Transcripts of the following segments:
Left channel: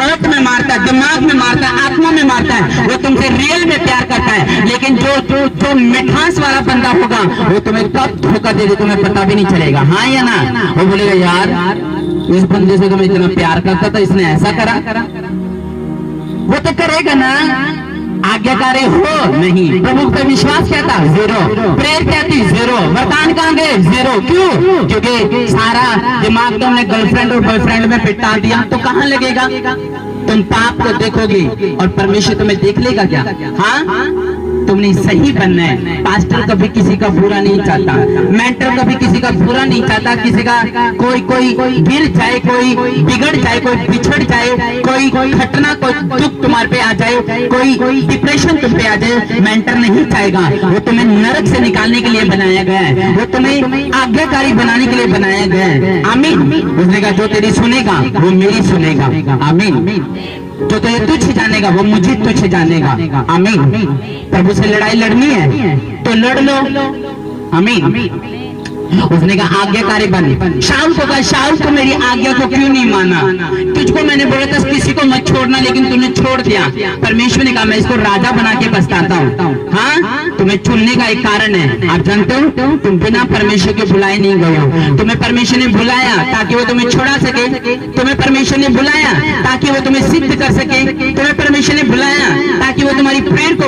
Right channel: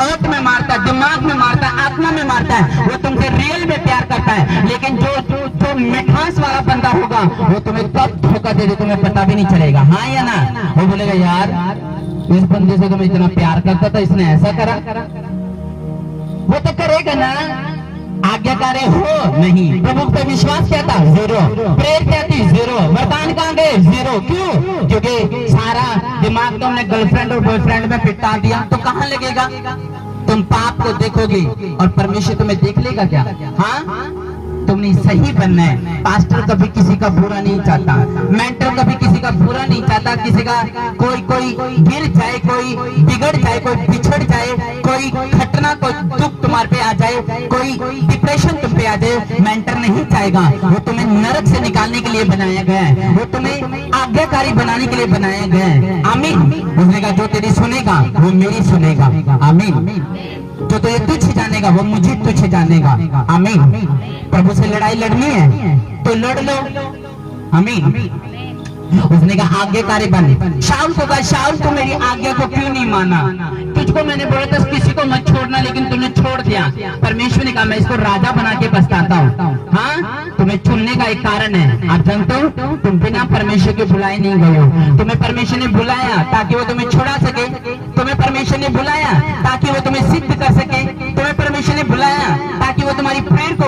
Heart में मारता है, दिमाग में मारता है, आत्मा में मारता है, वो तुमसे रियल में प्यार करता है। लेकिन जो मिठास वाला बंदा होगा वो तुम्हें कब धोखा दे दे तुम्हें पता भी नहीं चलेगा। हाँ या ना? वो बोलेगा यार इस बंदे से तो मैं इतना प्यार करता था, इसने ऐसा करा। वो तो करेगा ना। आज्ञाकारी हो नहीं, प्रभु पर विश्वास क्या था? जीरो। प्रेयर क्या थी? जीरो। वरदान कहाँ गए? जीरो। क्यों? क्योंकि सारा दिमाग तो हमने गर्लफ्रेंड और बॉयफ्रेंड में पिटा दिया, तो कहाँ लगेगा? तुम पाप को देखोगे और परमेश्वर तुम्हें देख लेगा क्या? हाँ, तुमने सही बनना है। पास्टर कभी किसी का बुरा नहीं चाहता, मेंटर कभी किसी का बुरा नहीं चाहता, किसी का कोई गिर जाए, कोई बिगड़ जाए, कोई बिछड़ जाए, कोई घटना, कोई दुख तुम्हारे पे आ जाए, कोई डिप्रेशन तुम पे आ जाए, मेंटर नहीं चाहेगा। वो तुम्हें नरक से निकालने के लिए बनाया गया है, वो तुम्हें आज्ञाकारी बनाने के लिए बनाया गया है। आमीन। उसने कहा जो तेरी सुनेगा वो मेरी सुनेगा। आमीन। जो तुझे तुझ जानेगा वो मुझे तुझ जानेगा। आमीन। प्रभु से लड़ाई लड़नी है तो लड़ लो। आमीन। उसने कहा आज्ञाकारी बने। शाऊल को कहा शाऊल तो मेरी आज्ञा को क्यों नहीं माना? तुझको मैंने बोला था किसी को मत छोड़ना, लेकिन तूने छोड़ दिया। परमेश्वर ने कहा मैं इसको राजा बना के पछताता हूँ। हाँ, तुम्हें चुनने का एक कारण है। आप जानते हो तुम बिना परमेश्वर के बुलाए नहीं गए हो। तुम्हें परमेश्वर ने बुलाया ताकि वो तुम्हें छुड़ा सके। तुम्हें परमेश्वर ने बुलाया ताकि वो तुम्हें सिद्ध कर सके। तुम्हें परमेश्वर ने बुलाया ताकि वो तुम्हारी प्रेयर को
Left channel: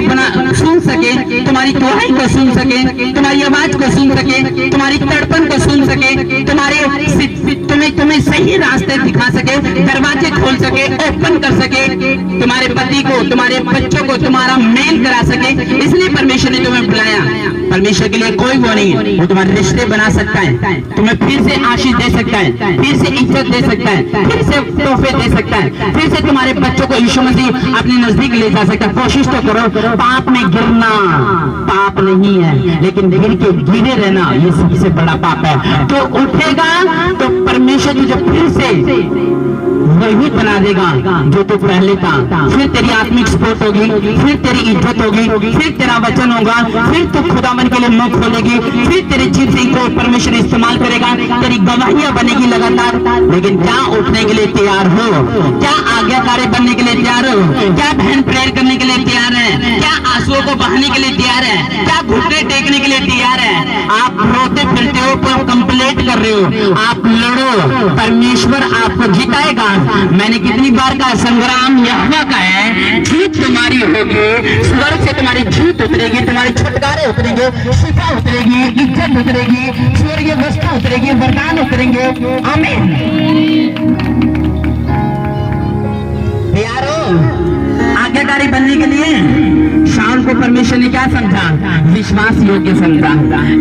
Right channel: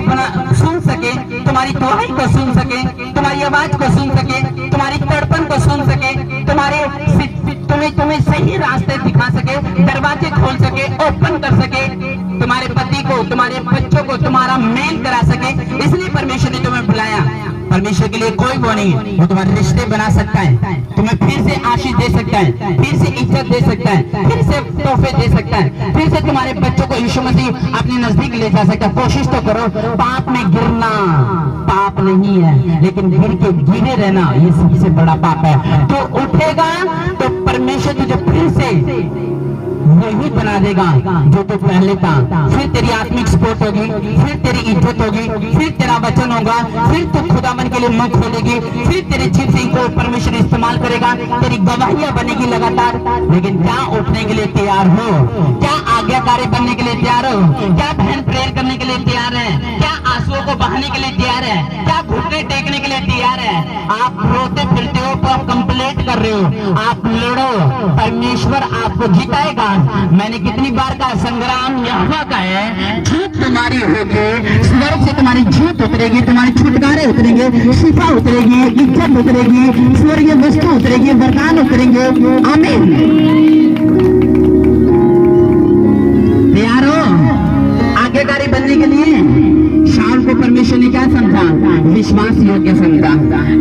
सुन सके, तुम्हारी दुआई को सुन सके, तुम्हारी आवाज को सुन सके, तुम्हारी तड़पन को सुन सके, तुम्हें सही रास्ते दिखा सके, दरवाजे खोल सके, ओपन कर सके, तुम्हारे पति को, तुम्हारे बच्चों को तुम्हारा मेल करा सके। इसलिए परमेश्वर ने तुम्हें बुलाया। परमेश्वर के लिए कोई वो नहीं है, वो तुम्हारे रिश्ते बना सकता है, तुम्हें फिर से आशीष दे सकता है, फिर से इज्जत दे सकता है, फिर से तोहफे दे सकता है, फिर से तुम्हारे बच्चों को यीशु मसीह अपने नजदीक ले जा सकता है। कोशिश तो करो। पाप में गिरना पाप नहीं है, लेकिन गिर के गिरे रहना ये सबसे बड़ा पाप है। तो उठेगा तो परमेश्वर तुझे फिर से वही बना देगा जो तू पहले था। फिर तेरी आत्मिक सपोर्ट होगी, फिर तेरी इज्जत होगी, फिर तेरा वचन होगा, फिर तू खुदावन के लिए मुंह खोलेगी, फिर तेरे जीव से को परमेश्वर इस्तेमाल करेगा, तेरी गवाहियां बनेगी लगातार। लेकिन क्या उठने के लिए तैयार हो? क्या आज्ञाकारी बनने के लिए तैयार हो? क्या बहन प्रेयर करने के लिए तैयार है? क्या आंसुओं को बहाने के लिए तैयार है? क्या घुटने टेकने के लिए तैयार है? आप रोते फिरते हो पर कंप्लेंट कर रहे हो। आप लड़ो, परमेश्वर आपको जिताएगा। मैंने कितनी बार कहा संग्राम यहोवा का है। जीत तुम्हारी होगी, स्वर्ग से तुम्हारी जीत उतरेगी, तुम्हारे छुटकारे उतरेंगे, शिफा उतरेगी, इज्जत उतरेगी, स्वर्गीय वस्तु उतरेगी, वरदान उतरेंगे। आमीन। तैयार हो आज्ञाकारी बनने के लिए? शाऊल को परमेश्वर ने क्या समझा? विश्वास योग्य समझा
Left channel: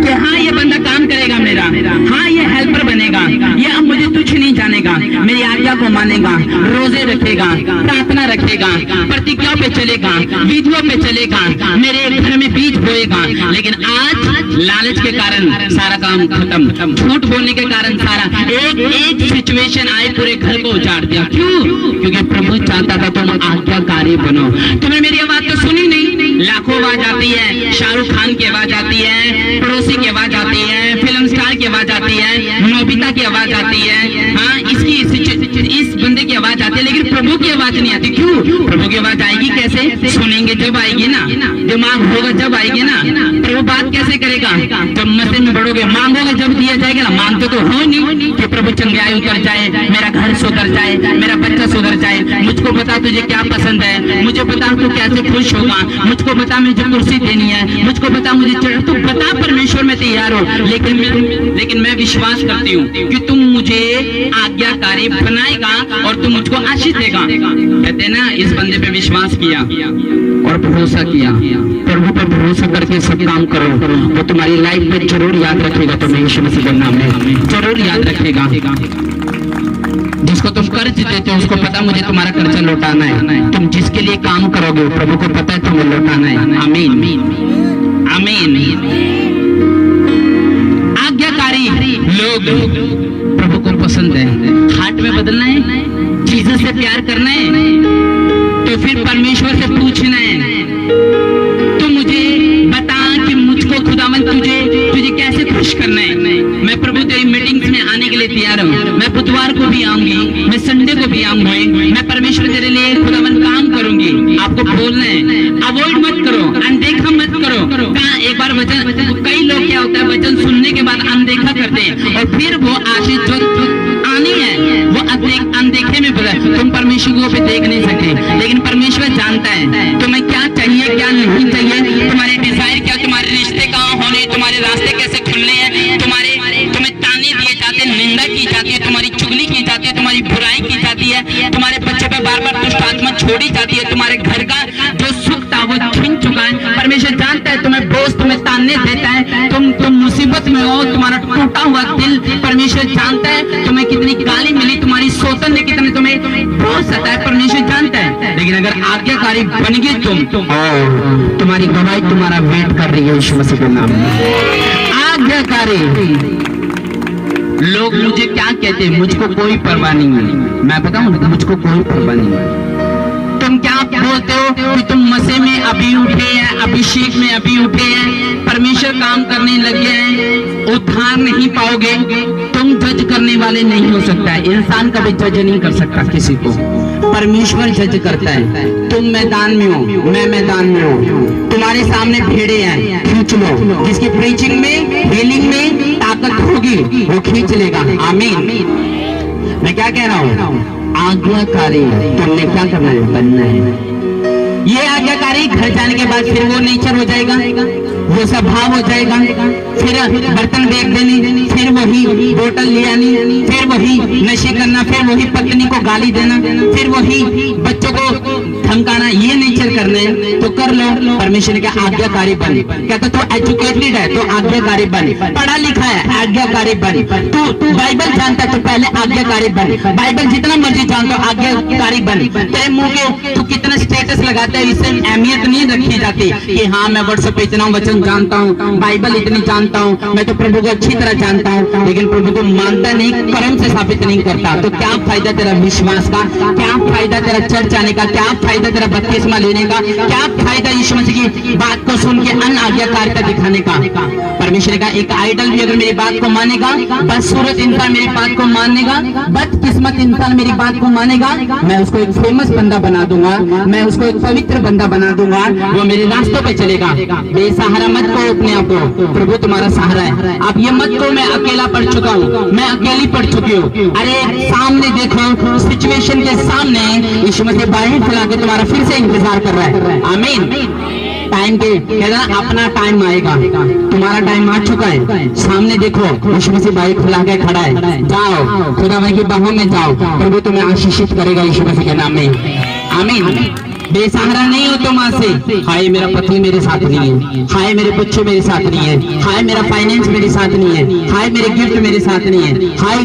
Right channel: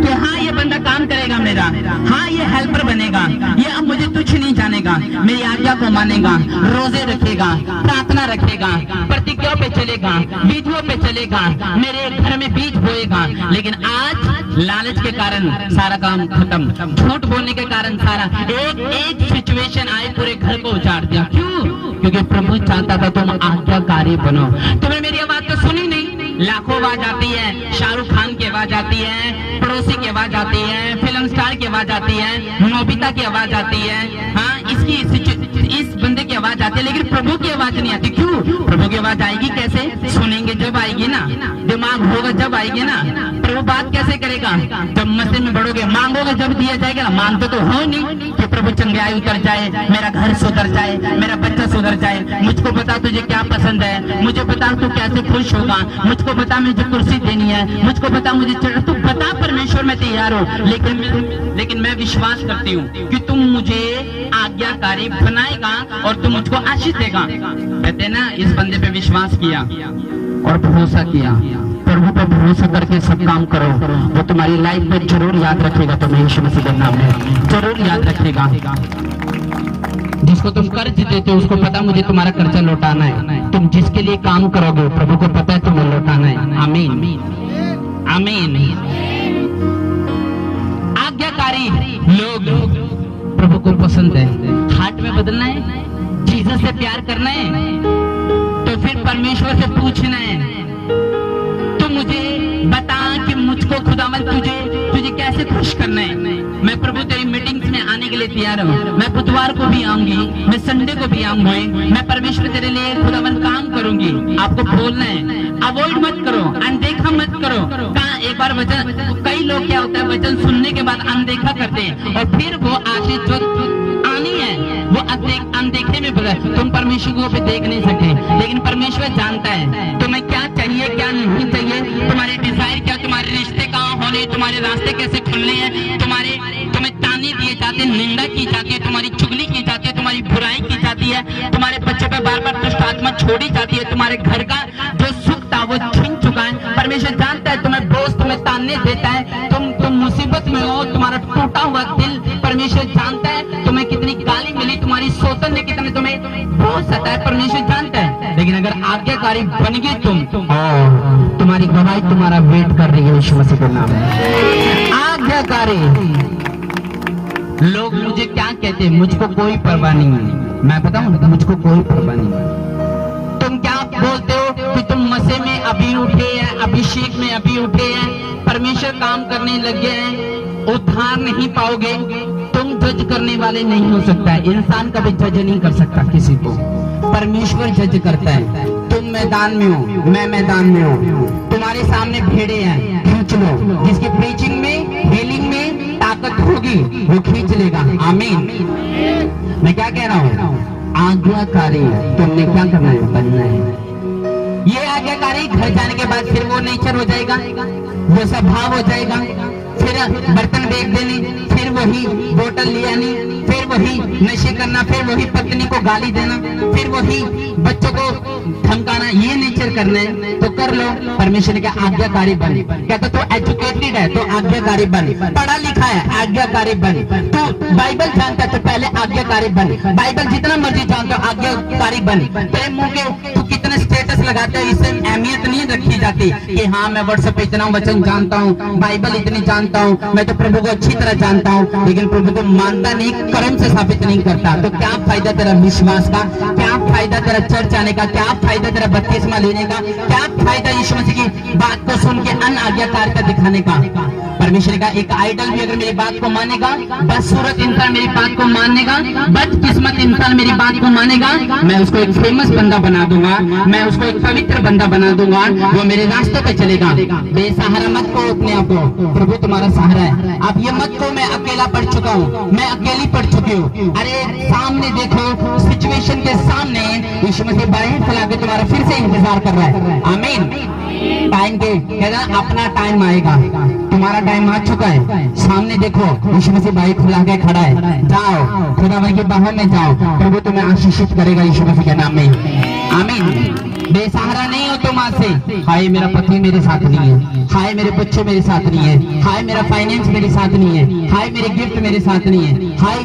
कि हाँ ये बंदा काम करेगा मेरा, हाँ ये हेल्पर बनेगा, ये अब मुझे तुच्छ नहीं जानेगा, मेरी आज्ञा को मानेगा, रोजे रखेगा, प्रार्थना रखेगा, प्रतिज्ञाओं पे चलेगा, विधियों पे चलेगा, मेरे घर में बीज बोएगा। लेकिन आज लालच के कारण सारा काम खत्म, झूठ बोलने के कारण सारा एक सिचुएशन आए पूरे घर को उजाड़ दिया। क्यों? क्योंकि प्रभु चाहता था तुम आज्ञाकारी बनो। तुमने मेरी आवाज तो सुनी नहीं। लाखों आवाज आती है, शाहरुख खान की आवाज आती है, पड़ोसी की आवाज आती है, फिल्म स्टार की आवाज आती है, नोबिता की आवाज आती है, हाँ इस बंदे की आवाज आती है, लेकिन प्रभु की आवाज नहीं आती। क्यों? प्रभु की आवाज आएगी कैसे? सुनेंगे जब आएगी ना, दिमाग होगा जब आएगी ना। प्रभु बात कैसे करेगा? जब मसीह में बढ़ोगे, मांगोगे जब दिया जाएगा ना। मांगते तो हो नहीं कि प्रभु चंगाई उतर जाए, मेरा घर सुधर जाए, मेरा बच्चा सुधर जाए, मुझको बता तुझे क्या पसंद है, मुझे बता तू कैसे खुश होगा, मुझको बता मुझे कुर्सी देनी है, मुझको बता मुझे चढ़, तू बता परमेश्वर मैं तैयार हूँ। लेकिन मैं विश्वास करती हूँ कि तुम मुझे आज्ञाकारी बनाएगा और तुम मुझको आशीष देगा। कहते ना इस बंदे पे विश्वास किया और भरोसा किया। प्रभु पर भरोसा करके सब काम करो, वो तुम्हारी लाइफ में जरूर याद रखेगा। तुम्हें यीशु मसीह के नाम में जरूर याद रखेगा। जिसको तुम कर्ज देते हो उसको पता मुझे तुम्हारा कर्जा लौटाना है। तुम जिसके लिए काम करोगे प्रभु को पता है तुम्हें लौटाना है। आमीन। आमीन। आज्ञाकारी लोग प्रभु को पसंद है। हार्ट में बदलना है, जीसस से प्यार करना है, तो फिर परमेश्वर से पूछना है तो मुझे बता कि मुझको खुदावन तुझे कैसे खुश करना है। मैं प्रभु तेरी मीटिंग्स में आने के लिए तैयार हूँ। मैं बुधवार को भी आऊंगी, मैं संडे को भी आऊंगी। मैं परमेश्वर तेरे तुम परमेश्वर को भी देख नहीं सकते, लेकिन परमेश्वर जानता है तुम्हें क्या चाहिए क्या नहीं चाहिए, तुम्हारे डिजायर क्या, तुम्हारे रिश्ते कहाँ होने, तुम्हारे रास्ते कैसे खुलने हैं, तुम्हें ताने दिए जाते हैं, निंदा की जाती है, तुम्हारी चुगली की जाती है, तुम्हारी बुराई की जाती है, तुम्हारे बच्चे पे बार बार दुष्ट आत्मा छोड़ी जाती है, तुम्हारे घर का जो सुख था वो छीन चुका है। परमेश्वर जानता है तुम्हें बोझ, तुम्हें ताने देता है, तुम मुसीबत में हो, तुम्हारा टूटा हुआ दिल, परमेश्वर जानता है तुम्हें कितनी गाली मिली, तुम्हारी शोषण ने कितने तुम्हें बोझ सताया, परमेश्वर जानता है। लेकिन अगर आज्ञाकारी बन गए तुम, तुम्हारी गवाही तुम्हारा वेट कर रही है यीशु मसीह के नाम में। आज्ञाकारी लोग मुझे क्या कहते हैं, मुझको कोई परवाह नहीं है, मैं बताऊं मुझको कोई परवाह नहीं है। तुम क्या बोलते हो कि तुम मसीह में अभी उठे हैं, अभिषेक में अभी उठे हैं, परमेश्वर काम करने लगे हैं, उद्धार नहीं पाओगे, तुम जज करने वाले नहीं हो सकता है। इंसान कभी जज नहीं कर सकता किसी को, परमेश्वर जज करता है। तुम मैदान में हो, मैं मैदान में हूँ, तुम्हारे सामने भेड़े हैं, खींच लो, जिसकी प्रीचिंग में हीलिंग में ताकत होगी वो खींच लेगा। आमीन। मैं क्या कह रहा हूँ, आज्ञाकारी तुमने क्या करना है, बनना है। ये आज्ञाकारी घर जाने के बाद फिर वो नेचर हो जाएगा, वो स्वभाव हो जाएगा, फिर बर्तन बेच देने, फिर वही बोतल ले आनी, फिर वही नशे करना, फिर वही पत्नी को गाली देना, फिर वही बच्चों को धमकाना, ये नेचर करना है तो कर लो। परमेश्वर ने कहा आज्ञाकारी बन, कहता तो एजुकेटेड है तो आज्ञाकारी बन, पढ़ा लिखा है आज्ञाकारी बन, तो बाइबल जानता है तो पहले आज्ञाकारी बन, बाइबल जितना मर्जी जानता हो आज्ञाकारी बन। तेरे मुंह के तू कितना स्टेटस लगाता है, इससे अहमियत नहीं रखी जाती कि हाँ मैं व्हाट्सएप पे इतना वचन जानता हूँ, बाइबल इतनी जानता हूँ, मैं तो प्रभु को अच्छी तरह जानता हूँ, लेकिन प्रभु को मानता नहीं, कर्म से साबित नहीं करता, तो क्या फायदा तेरा विश्वास का, क्या फायदा तेरा चर्च आने का, क्या फायदा तेरा बपतिस्मा लेने का, क्या फायदा यीशु मसीह की बात को सुन के अन्य आज्ञाकारिता दिखाने का। परमेश्वर का एक आइडल भी अगर मेरी बात को मानेगा, बदसूरत इंसान मेरी बात को मानेगा, बदकिस्मत इंसान मेरी बात को मानेगा, मैं उसको एक फेमस बंदा बना दूंगा, मैं उसको एक पवित्र बंदा बना दूंगा, वो मेरे रास्तों पे चलेगा। बेसहारा मत को अपने आप को, प्रभु तुम्हारा सहारा है। आप ये मत को मैं अकेला पढ़ चुका हूँ, मैं अकेली पढ़ चुकी हूँ। अरे सामने देखो, सिचुएशन के सामने यीशु मसीह बाहें फैला के तुम्हारा फिर से इंतजार कर रहा है। आमीन। टाइम के कहना अपना टाइम आएगा, तुम्हारा टाइम आ चुका है। सामने देखो यीशु मसीह बाहें फैला के खड़ा है, जाओ खुदावंद की बाहों में जाओ, प्रभु तुम्हें आशीषित करेगा यीशु मसीह के नाम में। आमीन। बेसहारा नहीं हो तुम आज से, हाय मेरा पति मेरे साथ नहीं है, हाय मेरे बच्चों मेरे साथ नहीं है, हाय मेरा फाइनेंस मेरे साथ नहीं है, हाय मेरे गिफ्ट मेरे साथ नहीं है, हाय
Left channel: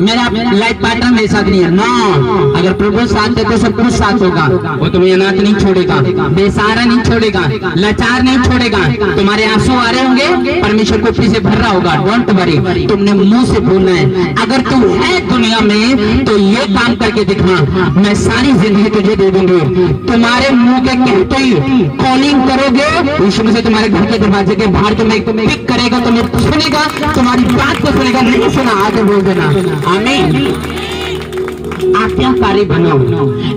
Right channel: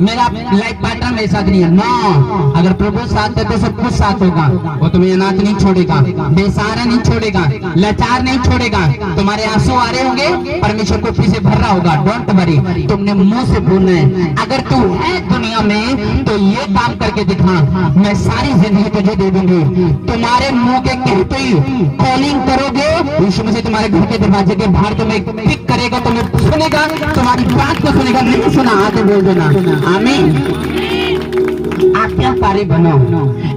मेरा लाइफ पार्टनर मेरे साथ नहीं है। नो, अगर प्रभु साथ है तो सब कुछ साथ होगा, वो तुम्हें अनाथ नहीं छोड़ेगा, बेसहारा नहीं छोड़ेगा, लाचार नहीं छोड़ेगा। तुम्हारे आंसू आ रहे होंगे, परमेश्वर को फिर से भर रहा होगा, डोंट वरी, तुमने मुंह से बोलना है। अगर तू है दुनिया में तो ये काम करके दिखा, मैं सारी जिंदगी तुझे दे दूंगी। तुम्हारे मुंह के कहते ही कॉलिंग करोगे, यीशु मसीह तुम्हारे घर के दरवाजे के बाहर तुम्हें पिक करेगा, तुम्हें सुनेगा, तुम्हारी बात को सुनेगा। नहीं सुना आगे बोल देना। आमीन। आज्ञाकारी बनो,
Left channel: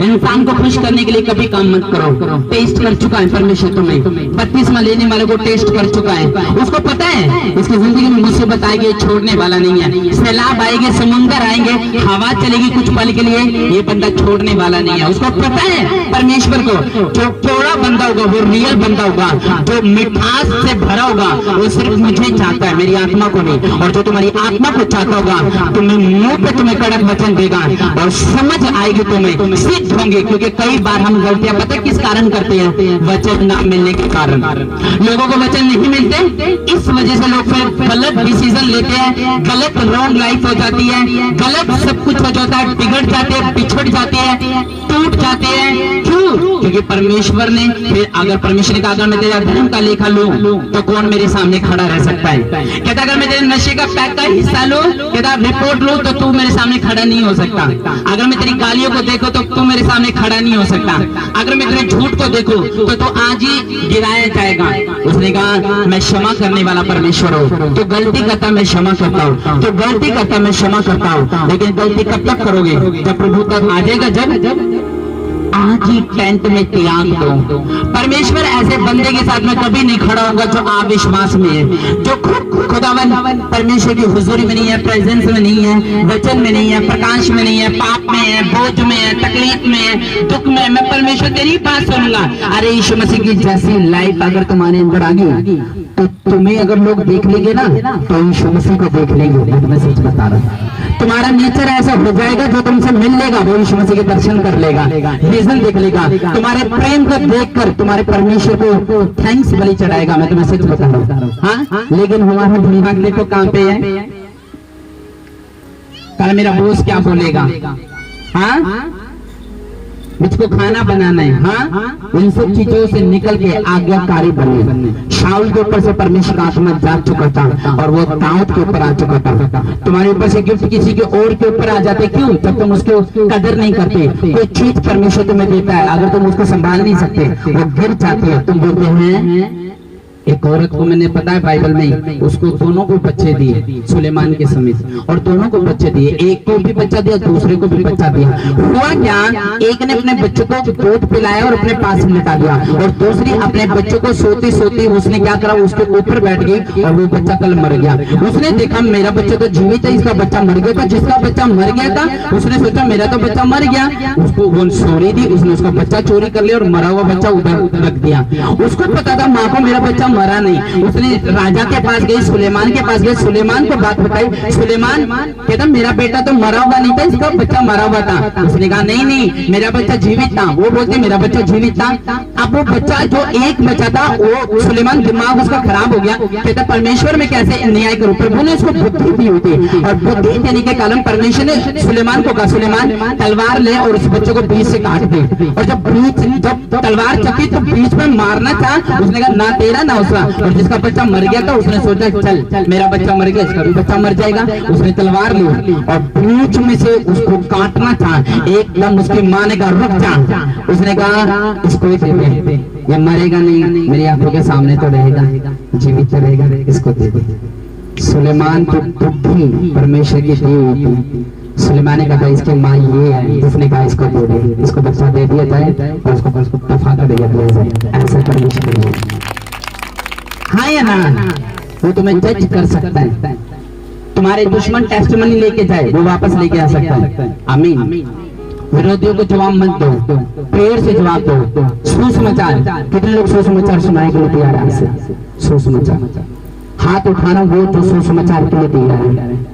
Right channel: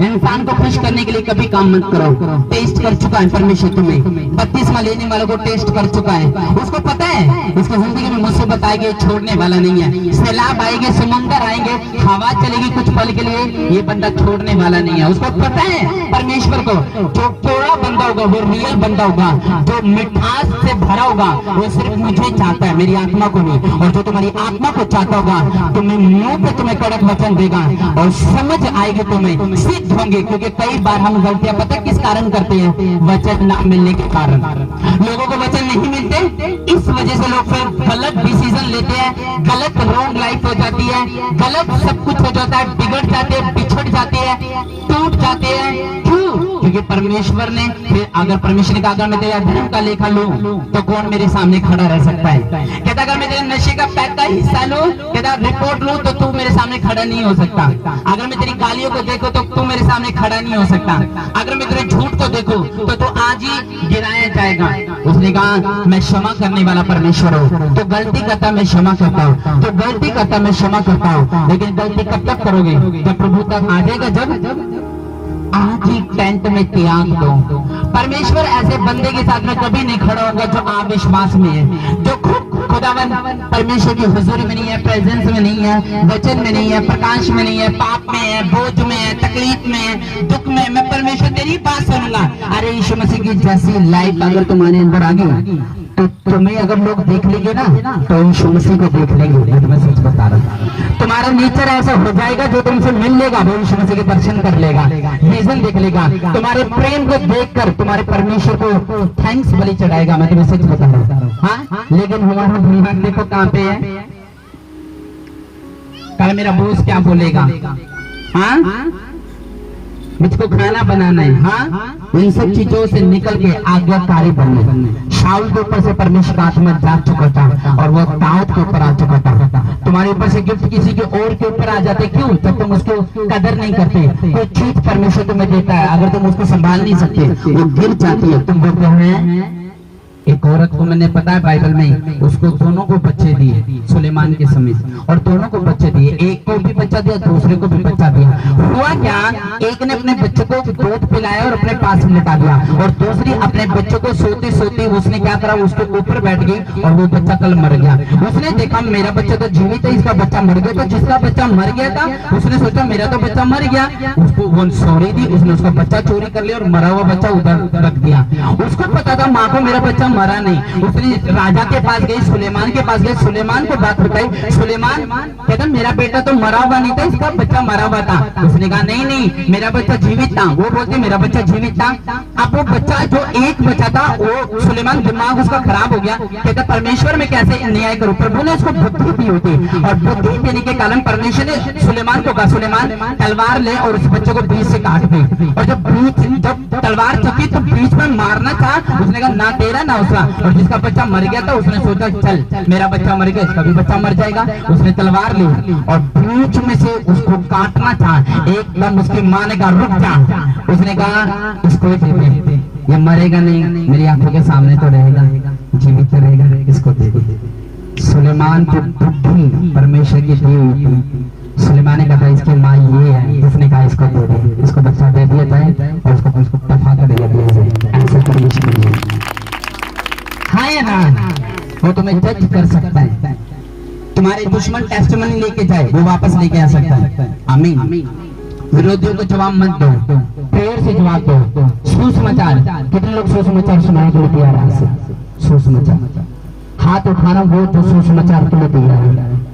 इंसान को खुश करने के लिए कभी काम मत करो। टेस्ट कर चुका है परमेश्वर तुम्हें, बपतिस्मा लेने वालों को टेस्ट कर चुका है, उसको पता है उसकी जिंदगी में मुसीबत आएगी, छोड़ने वाला नहीं है। सैलाब आएंगे, समंदर आएंगे, हवा चलेगी कुछ पल के लिए, ये बंदा छोड़ने वाला नहीं है। उसको पता है परमेश्वर को, जो पूरा बंदा होगा वो रियल बंदा होगा, जो मिठास से भरा होगा वो सिर्फ मुझे चाहता है, मेरी आत्मा को नहीं। और जो तुम्हारी आत्मा को चाहता होगा, तुम्हें मुंह पे तुम्हें कड़क वचन देगा और समझ आएगी, तुम्हें सिद्ध होंगे। क्योंकि कई बार हम गलतियां पता किस कारण करते हैं, वचन ना मिलने के कारण। लोगों को वचन नहीं मिलते, इस वजह से लोग फिर गलत डिसीजन लेते हैं, गलत रॉन्ग लाइफ हो जाती है, गलत सब कुछ हो जाता है, बिगड़ जाते हैं, बिछड़ जाते हैं, टूट जाते हैं। क्यों? क्योंकि परमेश्वर ने, फिर अगर परमेश्वर ने कहा अगर मैं तेरा धर्म का लेखा लूं तो कौन मेरे सामने खड़ा रह सकता है। कहता अगर मैं तेरे नशे का पैक का हिस्सा लूं, कहता रिपोर्ट लूं तो तू मेरे सामने खड़ा नहीं हो सकता। अगर मैं तेरी गालियों को देखो तो तू मेरे सामने खड़ा नहीं हो सकता। अगर मैं तेरे झूठ को देखो तो तू आज ही गिराया जाएगा। उसने कहा मैं क्षमा करने वाला परमेश्वर हूँ, तो गलती करता मैं क्षमा करता हूँ, तो गलती करता मैं क्षमा करता हूँ। लेकिन गलती कब तक करोगे? जब प्रभु तक आ जाएगा, जब आज ही टेंट में त्याग दो। परमेश्वर ऐसे बंदे के साथ में कभी नहीं खड़ा होगा जो अविश्वास में है, जो खुदावन खुदावन परमेश्वर की हुजूरी में नहीं है, प्रेजेंस में नहीं है, वचन में नहीं है, प्रकाश में नहीं है, पाप में है, बोझ में है, तकलीफ में है, दुख में, मैं परमेश्वर तेरी बात सुनूंगा। अरे यीशु मसीह की जैसी लाइफ अगर तुम्हारे अंदर आ गई तो तुम्हें अगर लोग देख लेंगे ना तो यीशु मसीह को देख लेंगे। मैं सच बता रहा हूँ, तुम्हारा नेचर ऐसा हो जाएगा जो तुमसे मिल लेगा वो यीशु मसीह के दर्शन कर लेगा, विजन देख लेगा, तुम्हारे प्रेम को देखकर तुम्हारे परमेश्वर को थैंक्स बलि चढ़ाएगा। मैं तुम्हें सच बता रहा हूँ। हाँ, लेकिन हमारा दिमाग देखो कहाँ पे है। कल मेरा बॉस क्या बोलेगा, हाँ मुझको खाना बनाना है, हाँ इन सब चीजों से निकल के आज्ञाकारी बने। शाऊल के ऊपर से परमेश्वर का आत्मा जा चुका था और वो दाऊद के ऊपर आ चुका था। तुम्हारे ऊपर से गिफ्ट किसी के और के ऊपर आ जाते, क्यों? जब तुम उसको कदर नहीं करते। कोई चीज परमेश्वर तुम्हें देता है, अगर तुम उसको संभाल नहीं सकते वो गिर जाती है। तुम बोलते हैं एक औरत को मैंने पता है बाइबल में, उसको दोनों को बच्चे दिए सुलेमान के समेत, और दोनों को बच्चे दिए, एक को भी बच्चा दिया दूसरे को भी बच्चा दिया। हुआ क्या, एक ने अपने बच्चों को दूध पिलाया और अपने पास लिटा दिया, और दूसरी अपने बच्चों को सोते सोते उसने क्या करा, उसके ऊपर बैठ गई और वो बच्चा कल मर गया। उसने देखा मेरा बच्चा तो जीवित है, इसका बच्चा मर गया। तो जिसका बच्चा मर गया था उसने सोचा मेरा तो बच्चा मर गया, उसको वो सॉरी दी, उसने उसका बच्चा चोरी कर लिया और मरा हुआ बच्चा उधर रख दिया। उसको पता था माँ को मेरा बच्चा मरा नहीं। उसने राजा के पास गई, सुलेमान के पास गई, सुलेमान को बात बताई। सुलेमान कहता मेरा बेटा तो मरा हुआ नहीं था, इसका बच्चा मरा हुआ था। उसने कहा नहीं नहीं मेरा बच्चा जीवित था। वो बोलते मेरा बच्चा जीवित था। अब वो बच्चा जो एक बच्चा था वो सुलेमान दिमाग उसका खराब हो गया, कहता परमेश्वर में कैसे अन्याय करूं। प्रभु ने उसको बुद्धि दी हुई थी और बुद्धि देने के कारण परमेश्वर ने सुलेमान को कहा सुलेमान तलवार ले और उस बच्चे को बीच से काट दे। और जब तलवार चकी तो बीच में मारना था, उसने कहा ना तेरा ना उसका। और जिसका बच्चा मर गया था उसने सोचा चल मेरा बच्चा मर गया, इसका भी बच्चा मर जाएगा। उसने तलवार ली और बीच में से उसको काटना था। एकदम उसकी माँ ने कहा रुक जा। उसने कहा इसको दे दे, ये मरेगा नहीं, मेरी आंखों के सामने तो रहेगा, जीवित तो रहेगा, इसको दे दे। सुलेमान की बुद्धि परमेश्वर की दी हुई थी। सुलेमान ने कहा इसकी माँ ये है, जिसने कहा इसको दे दे, इसको बच्चा दे दिया जाए और उसको दफा कर दिया जाए। ऐसा परमेश्वर हाँ या ना, वो तुम्हें जज कर सकता है। तुम्हारे दुश्मन टेस्टिमनी लेके जाए वो वापस लेके आ सकता है। आमीन। विरोधियों को जवाब मत दो, प्रेयर से जवाब दो। सुसमाचार, कितने लोग सुसमाचार सुनाने के लिए तैयार है? सुसमाचार हाथ उठाना वो जो सुसमाचार के लिए तैयार है।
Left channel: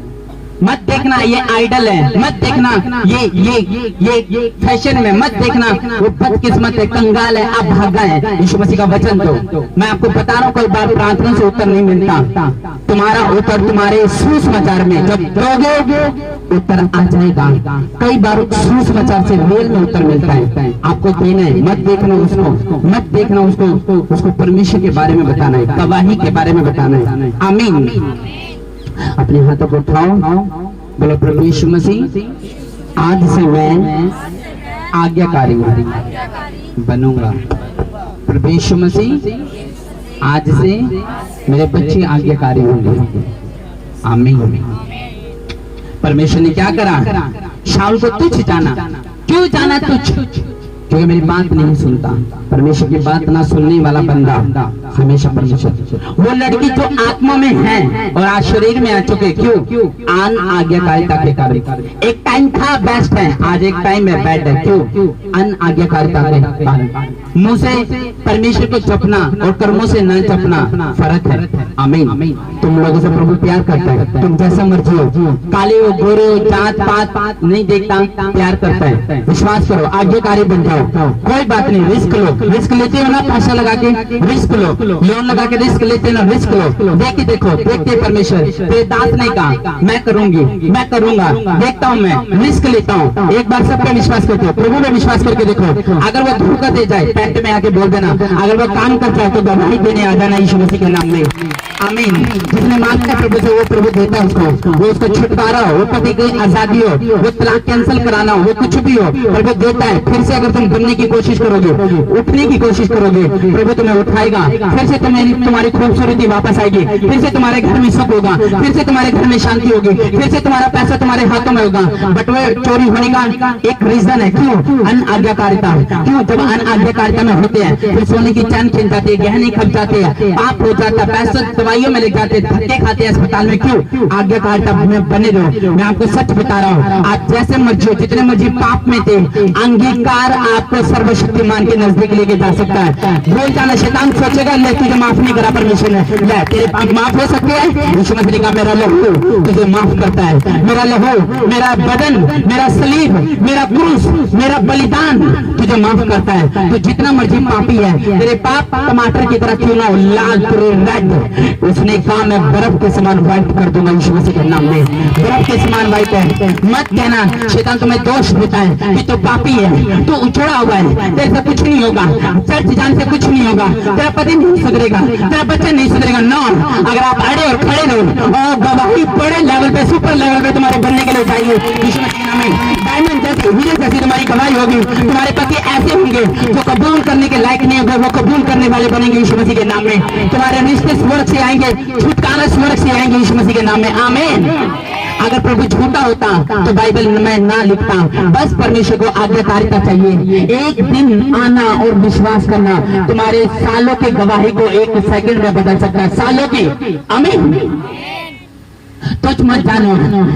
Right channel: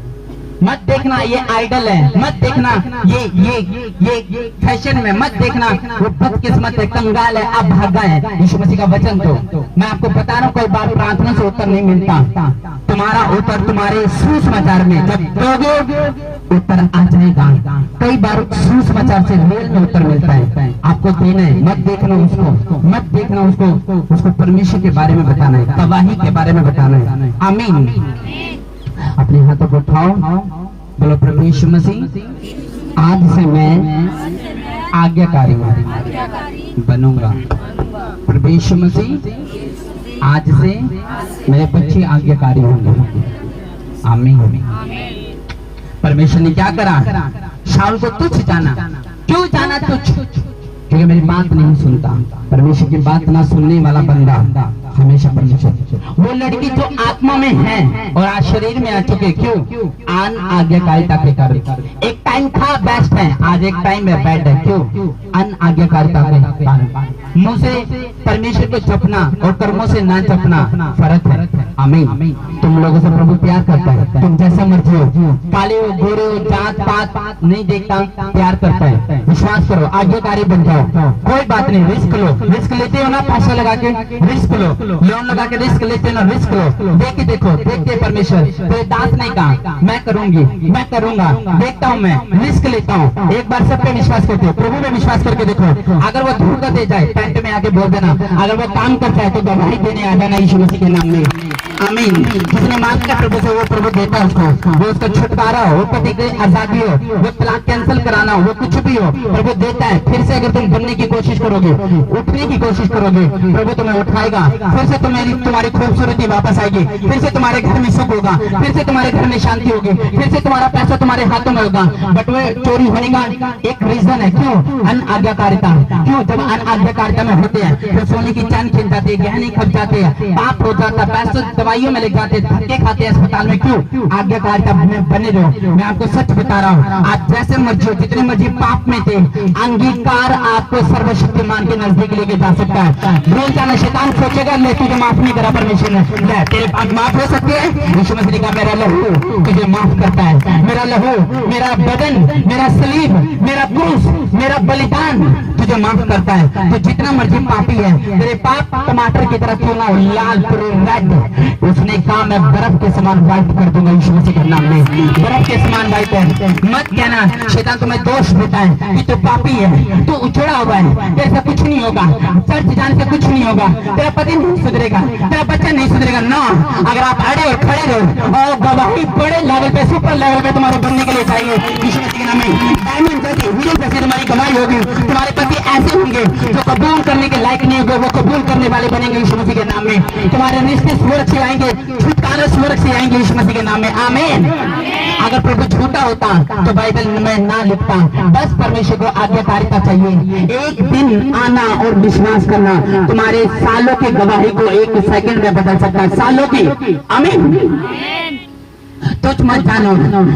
मत देखना ये आइडल है, मत देखना ये फैशन में, मत देखना वो बदकिस्मत है, कंगाल है, आप भागा है। यीशु मसीह का वचन तो मैं आपको बता रहा हूँ, कई बार प्रार्थना से उत्तर नहीं मिलता। तुम्हारा उत्तर तुम्हारे सुसमाचार में जब दोगे उत्तर आ जाएगा। कई बार सुसमाचार से मेल में उत्तर मिलता है, आपको देना है। मत देखना उसको, मत देखना उसको परमेश्वर के बारे में बताना है, गवाही के बारे में बताना है। आमीन। अपने हाथों को उठाओ, बोलो प्रभु यीशु मसीह आज से मैं आज्ञाकारी बनूंगा। प्रभु यीशु मसीह आज से मेरे बच्चे आज्ञाकारी होंगे। आमीन। परमेश्वर ने क्या करा, शाऊल को तुच्छ जाना। क्यों जाना तुच्छ? क्योंकि मेरी बात नहीं सुनता। परमेश्वर की बात ना सुनने वाला बंदा हमेशा परमेश्वर। वो लड़की जो आत्मा में है और आज शरीर में आ चुके, क्यों? अन आज्ञाकारिता के कारण। एक टाइम था बेस्ट है, आज एक टाइम है बैड है। क्यों? अन आज्ञाकारिता के कारण। मुंह से परमेश्वर को जपना और कर्मों से ना जपना फर्क है। आमीन। तुम लोगों से प्रभु प्यार करता है, तुम जैसे मर्जी हो, काले हो गोरे हो जात पात नहीं देखता, प्यार करता है। विश्वास करो, आज्ञाकारी बन जाओ, कोई बात नहीं। रिस्क लो, रिस्क लेते हो ना पैसा लगा के, रिस्क लो, लोन लगा के रिस्क लेते हो ना, रिस्क लो। देख देखो, देखते परमेश्वर तेरे दास ने कहा मैं करूंगी, मैं करूंगा, देखता हूँ, मैं रिस्क लेता हूँ। एक बार सब पे विश्वास करते हो, प्रभु में विश्वास करके देखो। अगर वो धोखा दे जाए टेंट में आके बोल देना, अगर वो काम कर जाए तो गवाही देने आ जाना यीशु मसीह के नाम में। आमीन। जिसने मांगता प्रभु से वो प्रभु देता है उसको। वो उसका छुटकारा हो, वो पति की आजादी हो, वो तलाक कैंसिल कराना हो, वो कुछ भी हो, प्रभु देता है। फिर से अगर तुम बनने की कोशिश करोगे, उठने की कोशिश करोगे, प्रभु तुम्हें उठाएगा। फिर से तुम्हारी खूबसूरती वापस आएगी, फिर से तुम्हारे घर में सुख होगा, फिर से तुम्हारे घर में शांति होगी, फिर से तुम्हारा पैसा तुम्हारे हाथों में होगा। बट वो चोरी होने का एक रीजन है, क्यों? अन आज्ञाकारिता। क्यों? जब अन आज्ञाकारिता में होते हैं फिर सोने की चैन खिल जाती है, गहने खप जाते हैं, पाप हो जाता है, पैसा दवाइयों में लग जाते, धक्के खाते अस्पताल में, क्यों? आज्ञाकारिता में बने रहो। मैं आपको सच बता रहा हूँ, आप जैसे मर्जी हो, जितने मर्जी पाप में थे, अंगीकार आपको सर्वशक्तिमान के नजदीक लेके जा सकता है। भूल जाना, शैतान सोचेगा ले तुझे माफ नहीं करा परमेश्वर ने, ले तेरे पाप माफ हो सकते हैं। यीशु मसीह का मेरा लहू तुझे माफ करता है, मेरा लहू, मेरा बदन, मेरा सलीब, मेरा क्रूस, मेरा बलिदान तुझे माफ करता है। तो जितना मर्जी पापी है, तेरे पाप टमाटर की तरह क्यों ना हो, लाल पूरे रेड, उसने कहा मैं बर्फ के समान व्हाइट कर दूंगा यीशु मसीह के नाम में। बर्फ के समान व्हाइट है। मत कहना शैतान तुम्हें दोष देता है कि तू पापी है, तू उछड़ा हुआ है, तेरे से कुछ नहीं होगा, चर्च जाने से कुछ नहीं होगा, तेरा पति नहीं सुधरेगा, तेरा बच्चा नहीं सुधरेगा। नो, अगर आप अड़े और खड़े रहो और गवाही बड़े लेवल पे, सुपर लेवल पे तुम्हारे बनने के लिए चाहिए यीशु मसीह के नाम में। डायमंड जैसी, हीरो जैसी तुम्हारी गवाही होगी। तुम्हारे पति ऐसे होंगे जो कबूल करने के लायक नहीं होंगे, वो कबूल करने वाले बनेंगे यीशु मसीह के नाम में। तुम्हारे रिश्ते स्वर्ग से आएंगे, छुटकारा स्वर्ग से आएंगे यीशु मसीह के नाम में। आमीन। अगर प्रभु झूठा होता तो बाइबल में ना लिखता। बस परमेश्वर को आज्ञाकारिता चाहिए। एक दिन आना और विश्वास करना तुम्हारे सालों की गवाही को एक सेकंड में बदल सकता है, सालों की। आमीन। तुझ मत जानो,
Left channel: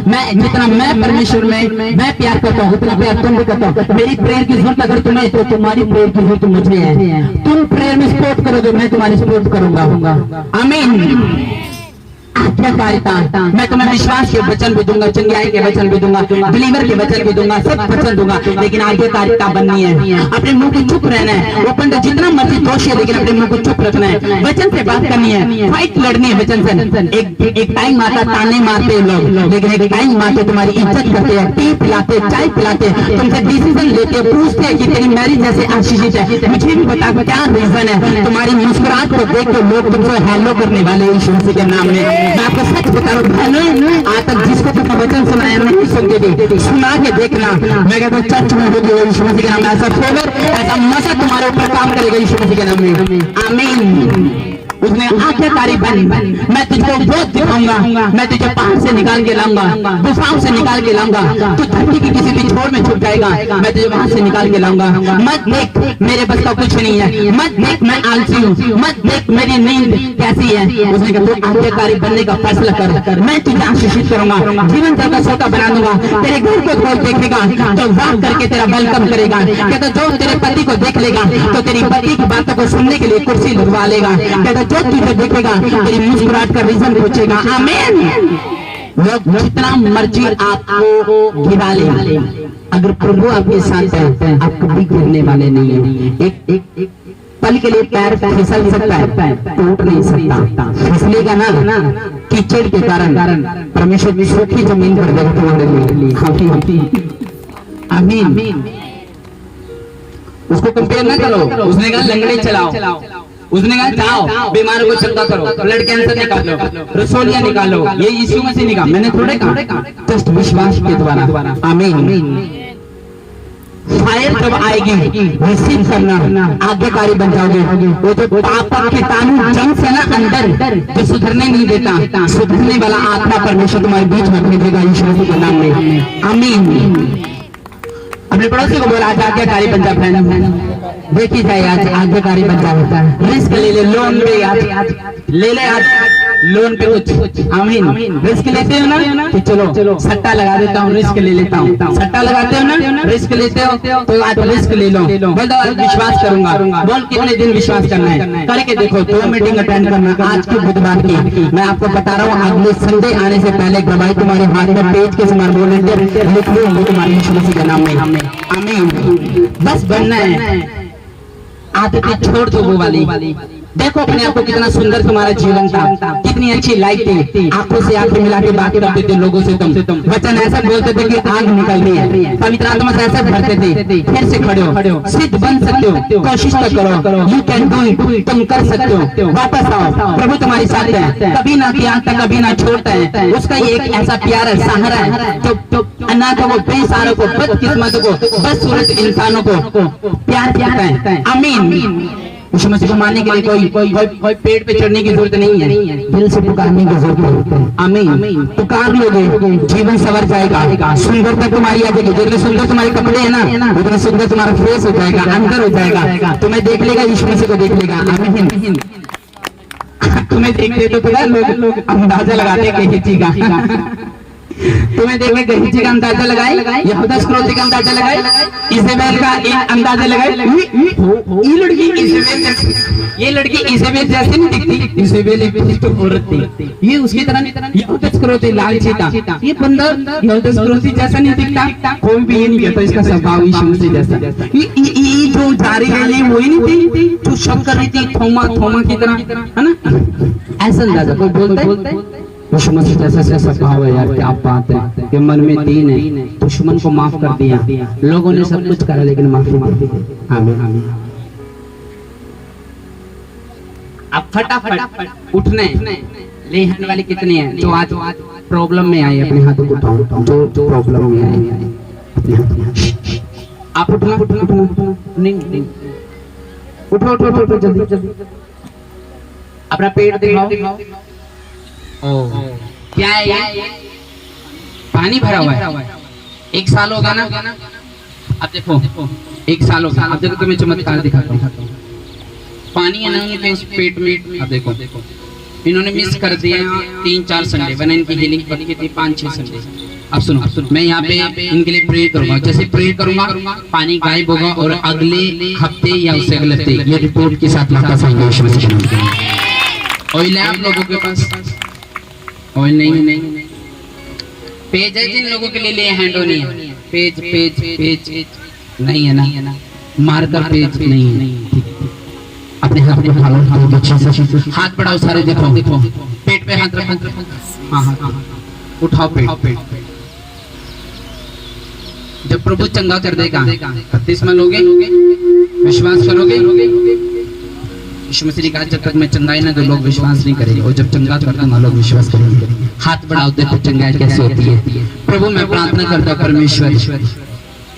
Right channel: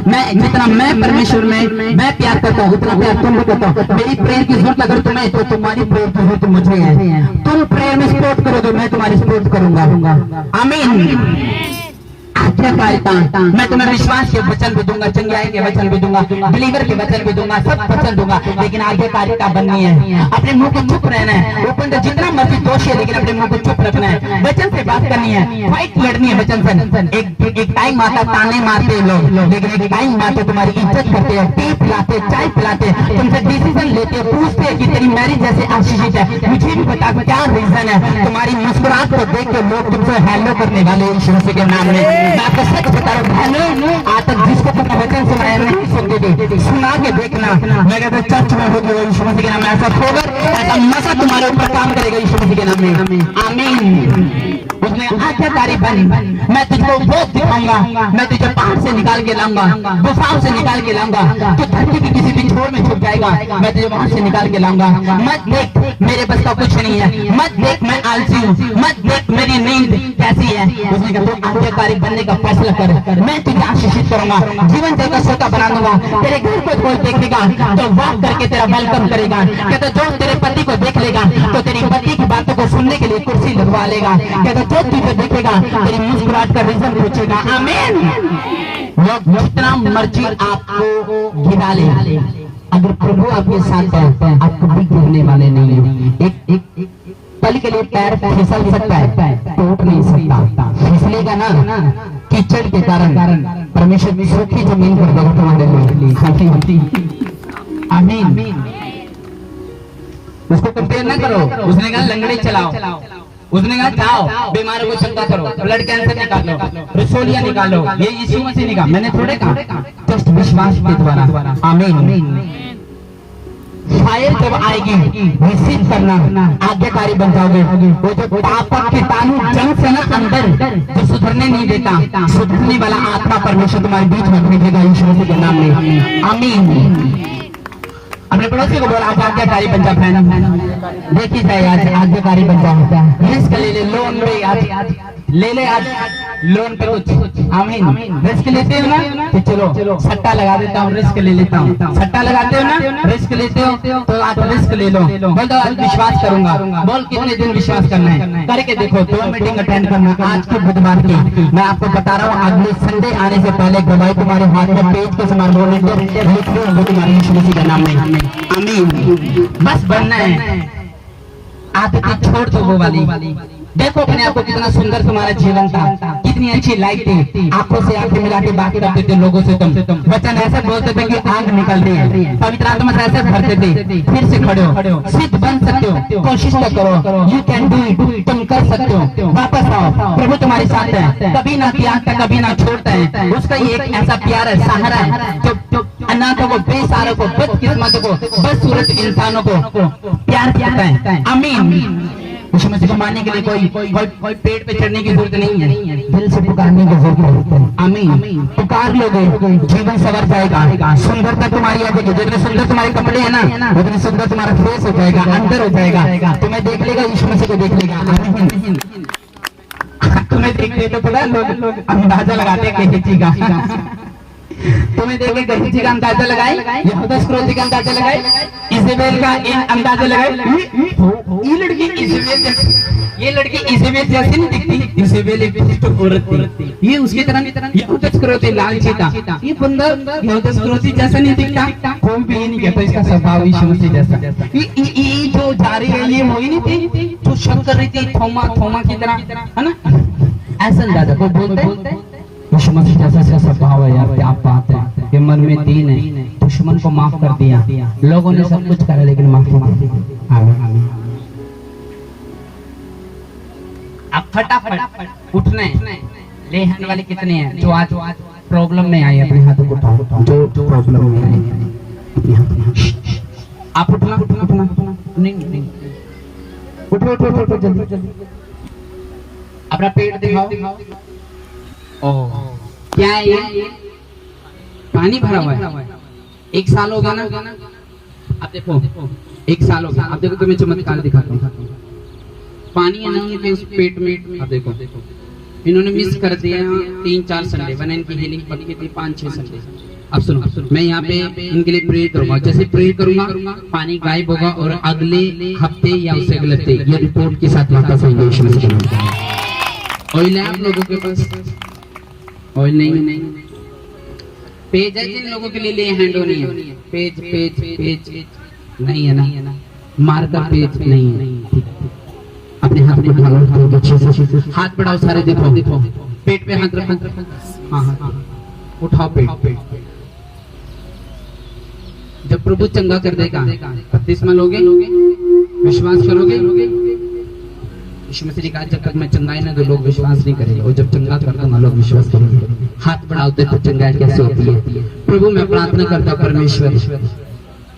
मैं जितना मैं परमेश्वर में मैं प्यार करता हूँ उतना प्यार तुम भी करता हूँ। मेरी प्रेयर की जरूरत अगर तुम्हें तो तुम्हारी प्रेयर की जरूरत मुझे है। तुम प्रेयर में सपोर्ट करोगे, मैं तुम्हारी सपोर्ट करूंगा। आमीन। आज्ञाकारिता, मैं तुम्हें विश्वास के वचन भी दूंगा, चंगाई के वचन भी दूंगा, बिलीवर के वचन भी दूंगा, सब वचन दूंगा, लेकिन आज्ञाकारिता बननी है। अपने मुंह को चुप रहना है। ओपन तो जितना मर्जी दोष है, लेकिन अपने मुंह को चुप रखना है। वचन से बात करनी है, फाइट लड़नी है वचन से। एक टाइम आता ताने मारते हैं लोग, लेकिन एक टाइम आते तुम्हारी इज्जत करते हैं, टी पिलाते, चाय पिलाते, तुमसे डिसीजन लेते, पूछते हैं कि तेरी मैरिज जैसे आशीषित है, मुझे भी बता क्या रीजन है। तुम्हारी मुस्कुराहट को देख के लोग तुमसे हेलो करने वाले यीशु मसीह के नाम में। मैं आपको सच बता रहा हूँ, आज तक जिसको तुमने वचन सुनाया नहीं सुनते, सुना के देखना। मैं कहता हूँ चर्च में होगी यीशु मसीह के नाम में, ऐसा फेवर, ऐसा मसा तुम्हारे ऊपर काम करेगा यीशु मसीह के नाम में। आमीन। उसने आज्ञाकारी बन, मैं तुझको बहुत दिखाऊंगा, मैं तुझे पहाड़ से निकाल के लाऊंगा, गुफाओं से निकाल के लाऊंगा, तो धरती की किसी भी छोर में छुप जाएगा, मैं तुझे वहां से निकाल के लाऊंगा। मत देख मेरे बस का कुछ नहीं है, मत देख मैं आलसी हूँ, मत देख मेरी नींद कैसी है। उसने कहा तू आज्ञाकारी बनने का फैसला कर, मैं तुझे आशीषित करूंगा, जीवन का सोता बना दूंगा, तेरे घर को कोई देखेगा तो वॉक करके तेरा वेलकम करेगा। कहता जो तेरे पति को देख लेगा तो तेरी पति की बातों को सुनने के लिए कुर्सी लगवा लेगा। कहता जो तुझे देखेगा तेरी मुस्कुराहट का रीजन पूछेगा। आमीन। लोग जितना मर्जी आपको गिरा ले, अगर प्रभु आपके साथ है आप कभी गिरने वाले नहीं है। एक पल के लिए पैर फिसल सकता है, टूट नहीं सकता। फिसलेगा ना कीचड़ के कारण, परमेश्वर भी सूखी जमीन पर देगा तुम्हारे लिए। आमीन। उसको कंपेयर ना करो। उसने कहा लंगड़े चलाओ, उसने कहा जाओ बीमारों को चंगा करो, ब्लड कैंसर निकालो, रसोलियां निकालो, ये यीशु मसीह ने कहा, मैंने थोड़े कहा। जस्ट विश्वास के द्वारा। आमीन। फायर जब आएगी रिसीव करना, आज्ञाकारी बन जाओगे। वो जो पाप के तानु जंग से ना अंदर जो सुधरने नहीं देता, सुधरने वाला आत्मा परमेश्वर तुम्हारे बीच में भेजेगा यीशु मसीह के नाम में। आमीन। अपने पड़ोसी को बोला आज आज्ञाकारी बन जा फ्रेंड, देखी जाए आज आज्ञाकारी बन जा, रिस्क ले ले, लोन पे आज ले ले, आज लोन पे कुछ। आमीन। रिस्क लेते हो ना कि चलो सट्टा लगा देता हूँ, रिस्क ले लेता हूँ। सट्टा लगाते हो ना, रिस्क लेते हो तो आज रिस्क ले लो। बोल दो आज विश्वास करूंगा। बोल कितने दिन विश्वास करना है, करके देखो। 2 मीटिंग अटेंड करना आज की बुधवार की। मैं आपको बता रहा हूँ अगले संडे आने से पहले गवाही तुम्हारे हाथ में पेज के समान बोलने लिख लो तुम्हारे यीशु मसीह के नाम में। आमीन। बस बनना है, आदतें छोड़ दो वो वाली। देखो अपने आप को कितना सुंदर तुम्हारा जीवन था, कितनी अच्छी लाइफ थी, आंखों से आंखें मिला के बात करते थे लोगों से। तुम वचन ऐसा बोलते थे कि आग निकल रही है, पवित्र आत्मा से ऐसे भरते थे। फिर से खड़े हो, सिद्ध बन सकते हो, कोशिश तो करो, यू कैन डू इट, तुम कर सकते हो। वापस आओ, प्रभु तुम्हारे साथ है, कभी ना त्यागता कभी ना छोड़ता है। उसका ये एक ऐसा प्यार है, सहारा है जो अनाथों को, बेसहारों को, बदकिस्मतों को, बदसूरत इंसानों को प्यार करता है। आमीन। यीशु मसीह को मानने के लिए कोई पेड़ पे चढ़ने की जरूरत नहीं है, दिल से पुकारने की जरूरत है। आमीन। पुकार लोगे जीवन संवर जाएगा, सुंदरता तुम्हारी आ जाएगी। जितने सुंदर तुम्हारे कपड़े है ना, उतने सुंदर तुम्हारा फेस हो जाएगा, अंदर हो जाएगा। तुम्हें देख लेगा, यीशु मसीह को देख लेगा। आमीन। तुम्हें तुम्हें देखते तो पता लोग अंदाजा लगाते गहेजी का तुम्हें देख के गहेजी का अंदाजा लगाए, यहूदा स्क्रोती का अंदाजा लगाए, इजेबेल का अंदाजा लगाए। ये लड़की इजेबेल जैसी नहीं दिखती, इजेबेल एक दुष्ट औरत थी, ये उसकी तरह यहूदा स्क्रोती लालची था। ये बंदा यहूदा स्क्रोती जैसा नहीं दिखता, कोई भी ये नहीं कहता इसका स्वभाव यीशु मसीह जैसा। ये जो जा रही है ये वही नहीं थी जो शक कर रही थी थोमा की तरह, है ना, ऐसा अंदाजा कोई बोलते यीशु मसीह जैसा स्वभाव है यार, क्या बात है। ये मन में दीन है, दुश्मन को माफ कर दिया, लोगों ने सब कुछ करा लेकिन माफी मांगी। आमीन। अब फटाफट उठने ले आने वाले कितने हैं जो आज प्रॉब्लम में आए, अपने हाथों को उठाओ जो प्रॉब्लम में आए। आप उठना नहीं उठो जल्दी अपना पेट दिखाओ। ओ क्या है ये? पानी भरा हुआ है। 1 साल होगा ना, अब देखो 1 साल होगा। अब देखो तुम्हें चमत्कार दिखाता हूँ। पानी है ना उनके उस पेट में। अब देखो इन्होंने मिस कर दिया 3-4 संडे, वरना इनकी हीलिंग पड़ी थी 5-6 संडे। अब सुनो, मैं यहाँ पे इनके लिए प्रे करूंगा। जैसे प्रे करूंगा पानी गायब होगा और अगले हफ्ते या उससे अगले हफ्ते ये रिपोर्ट के साथ वापस आएंगे। ऑयल है आप लोगों के पास? ऑयल नहीं। पेज है जिन लोगों के लिए हैंडो नहीं है, पेज नहीं है ना, मार्कर पेज नहीं है। अपने हाथ में हाथ बढ़ाओ सारे, देखो पेट पे हाथ रखो। हाँ उठाओ पेट। जब प्रभु चंगा कर देगा बपतिस्मा लोगे, विश्वास करोगे। यीशु मसीह ने कहा जब तक मैं चंगाई ना तो लोग विश्वास नहीं करेंगे, और जब चंगा कर दूंगा लोग विश्वास करेंगे। हाथ बढ़ाओ, देखो चंगाई कैसे होती है। प्रभु मैं प्रार्थना करता हूँ परमेश्वर,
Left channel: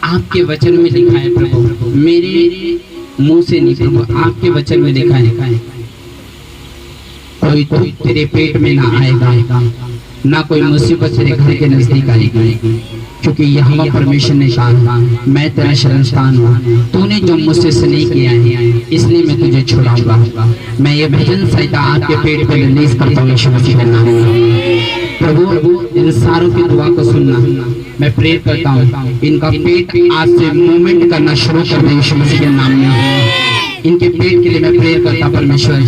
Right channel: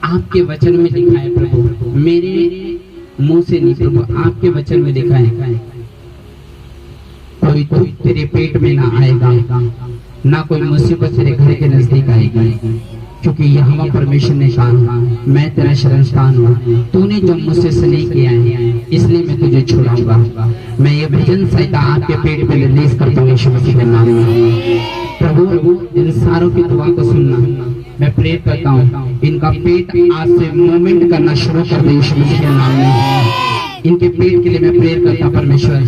आपके वचन में लिखा है प्रभु, मेरे मुंह से नहीं प्रभु, आपके वचन में लिखा है कोई दुख तेरे पेट में ना आएगा, ना कोई मुसीबत तेरे घर के नजदीक आएगी, क्योंकि यहोवा परमेश्वर ने कहा मैं तेरा शरणस्थान हूँ। तूने जो मुझसे स्नेह किया है इसलिए मैं तुझे छुड़ाऊंगा। मैं ये भजन संहिता आपके पेट पे रिलीज करता हूँ यीशु मसीह के नाम में। प्रभु इन सारों की दुआ को सुनना, मैं प्रे करता हूँ इनका पेट आज से मूवमेंट करना शुरू कर दे यीशु मसीह के नाम में। इनके पेट के लिए मैं प्रेयर करता परमेश्वर,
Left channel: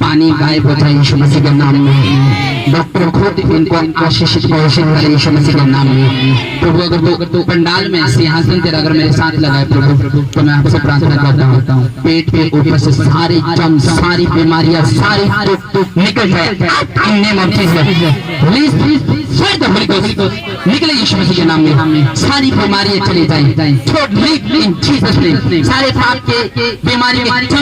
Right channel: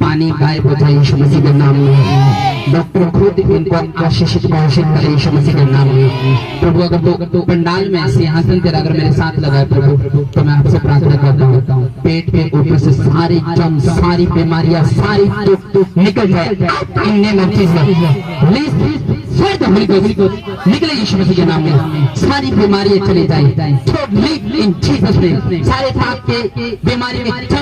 पानी गायब हो जाए यीशु मसीह के नाम में। डॉक्टर खुद इनको आशीषित घोषित करे यीशु मसीह के नाम में। प्रभु अगर तो पंडाल में सिंहासन तेरा अगर मेरे साथ लगाए प्रभु, तो मैं आपसे प्रार्थना करता हूँ पेट के ऊपर से सारी जम, सारी बीमारियां, सारी दुख निकल जाए इन नेम ऑफ जीसस। निकले यीशु मसीह के नाम में, सारी बीमारियां चली जाए। सारे पाप के बीमारी के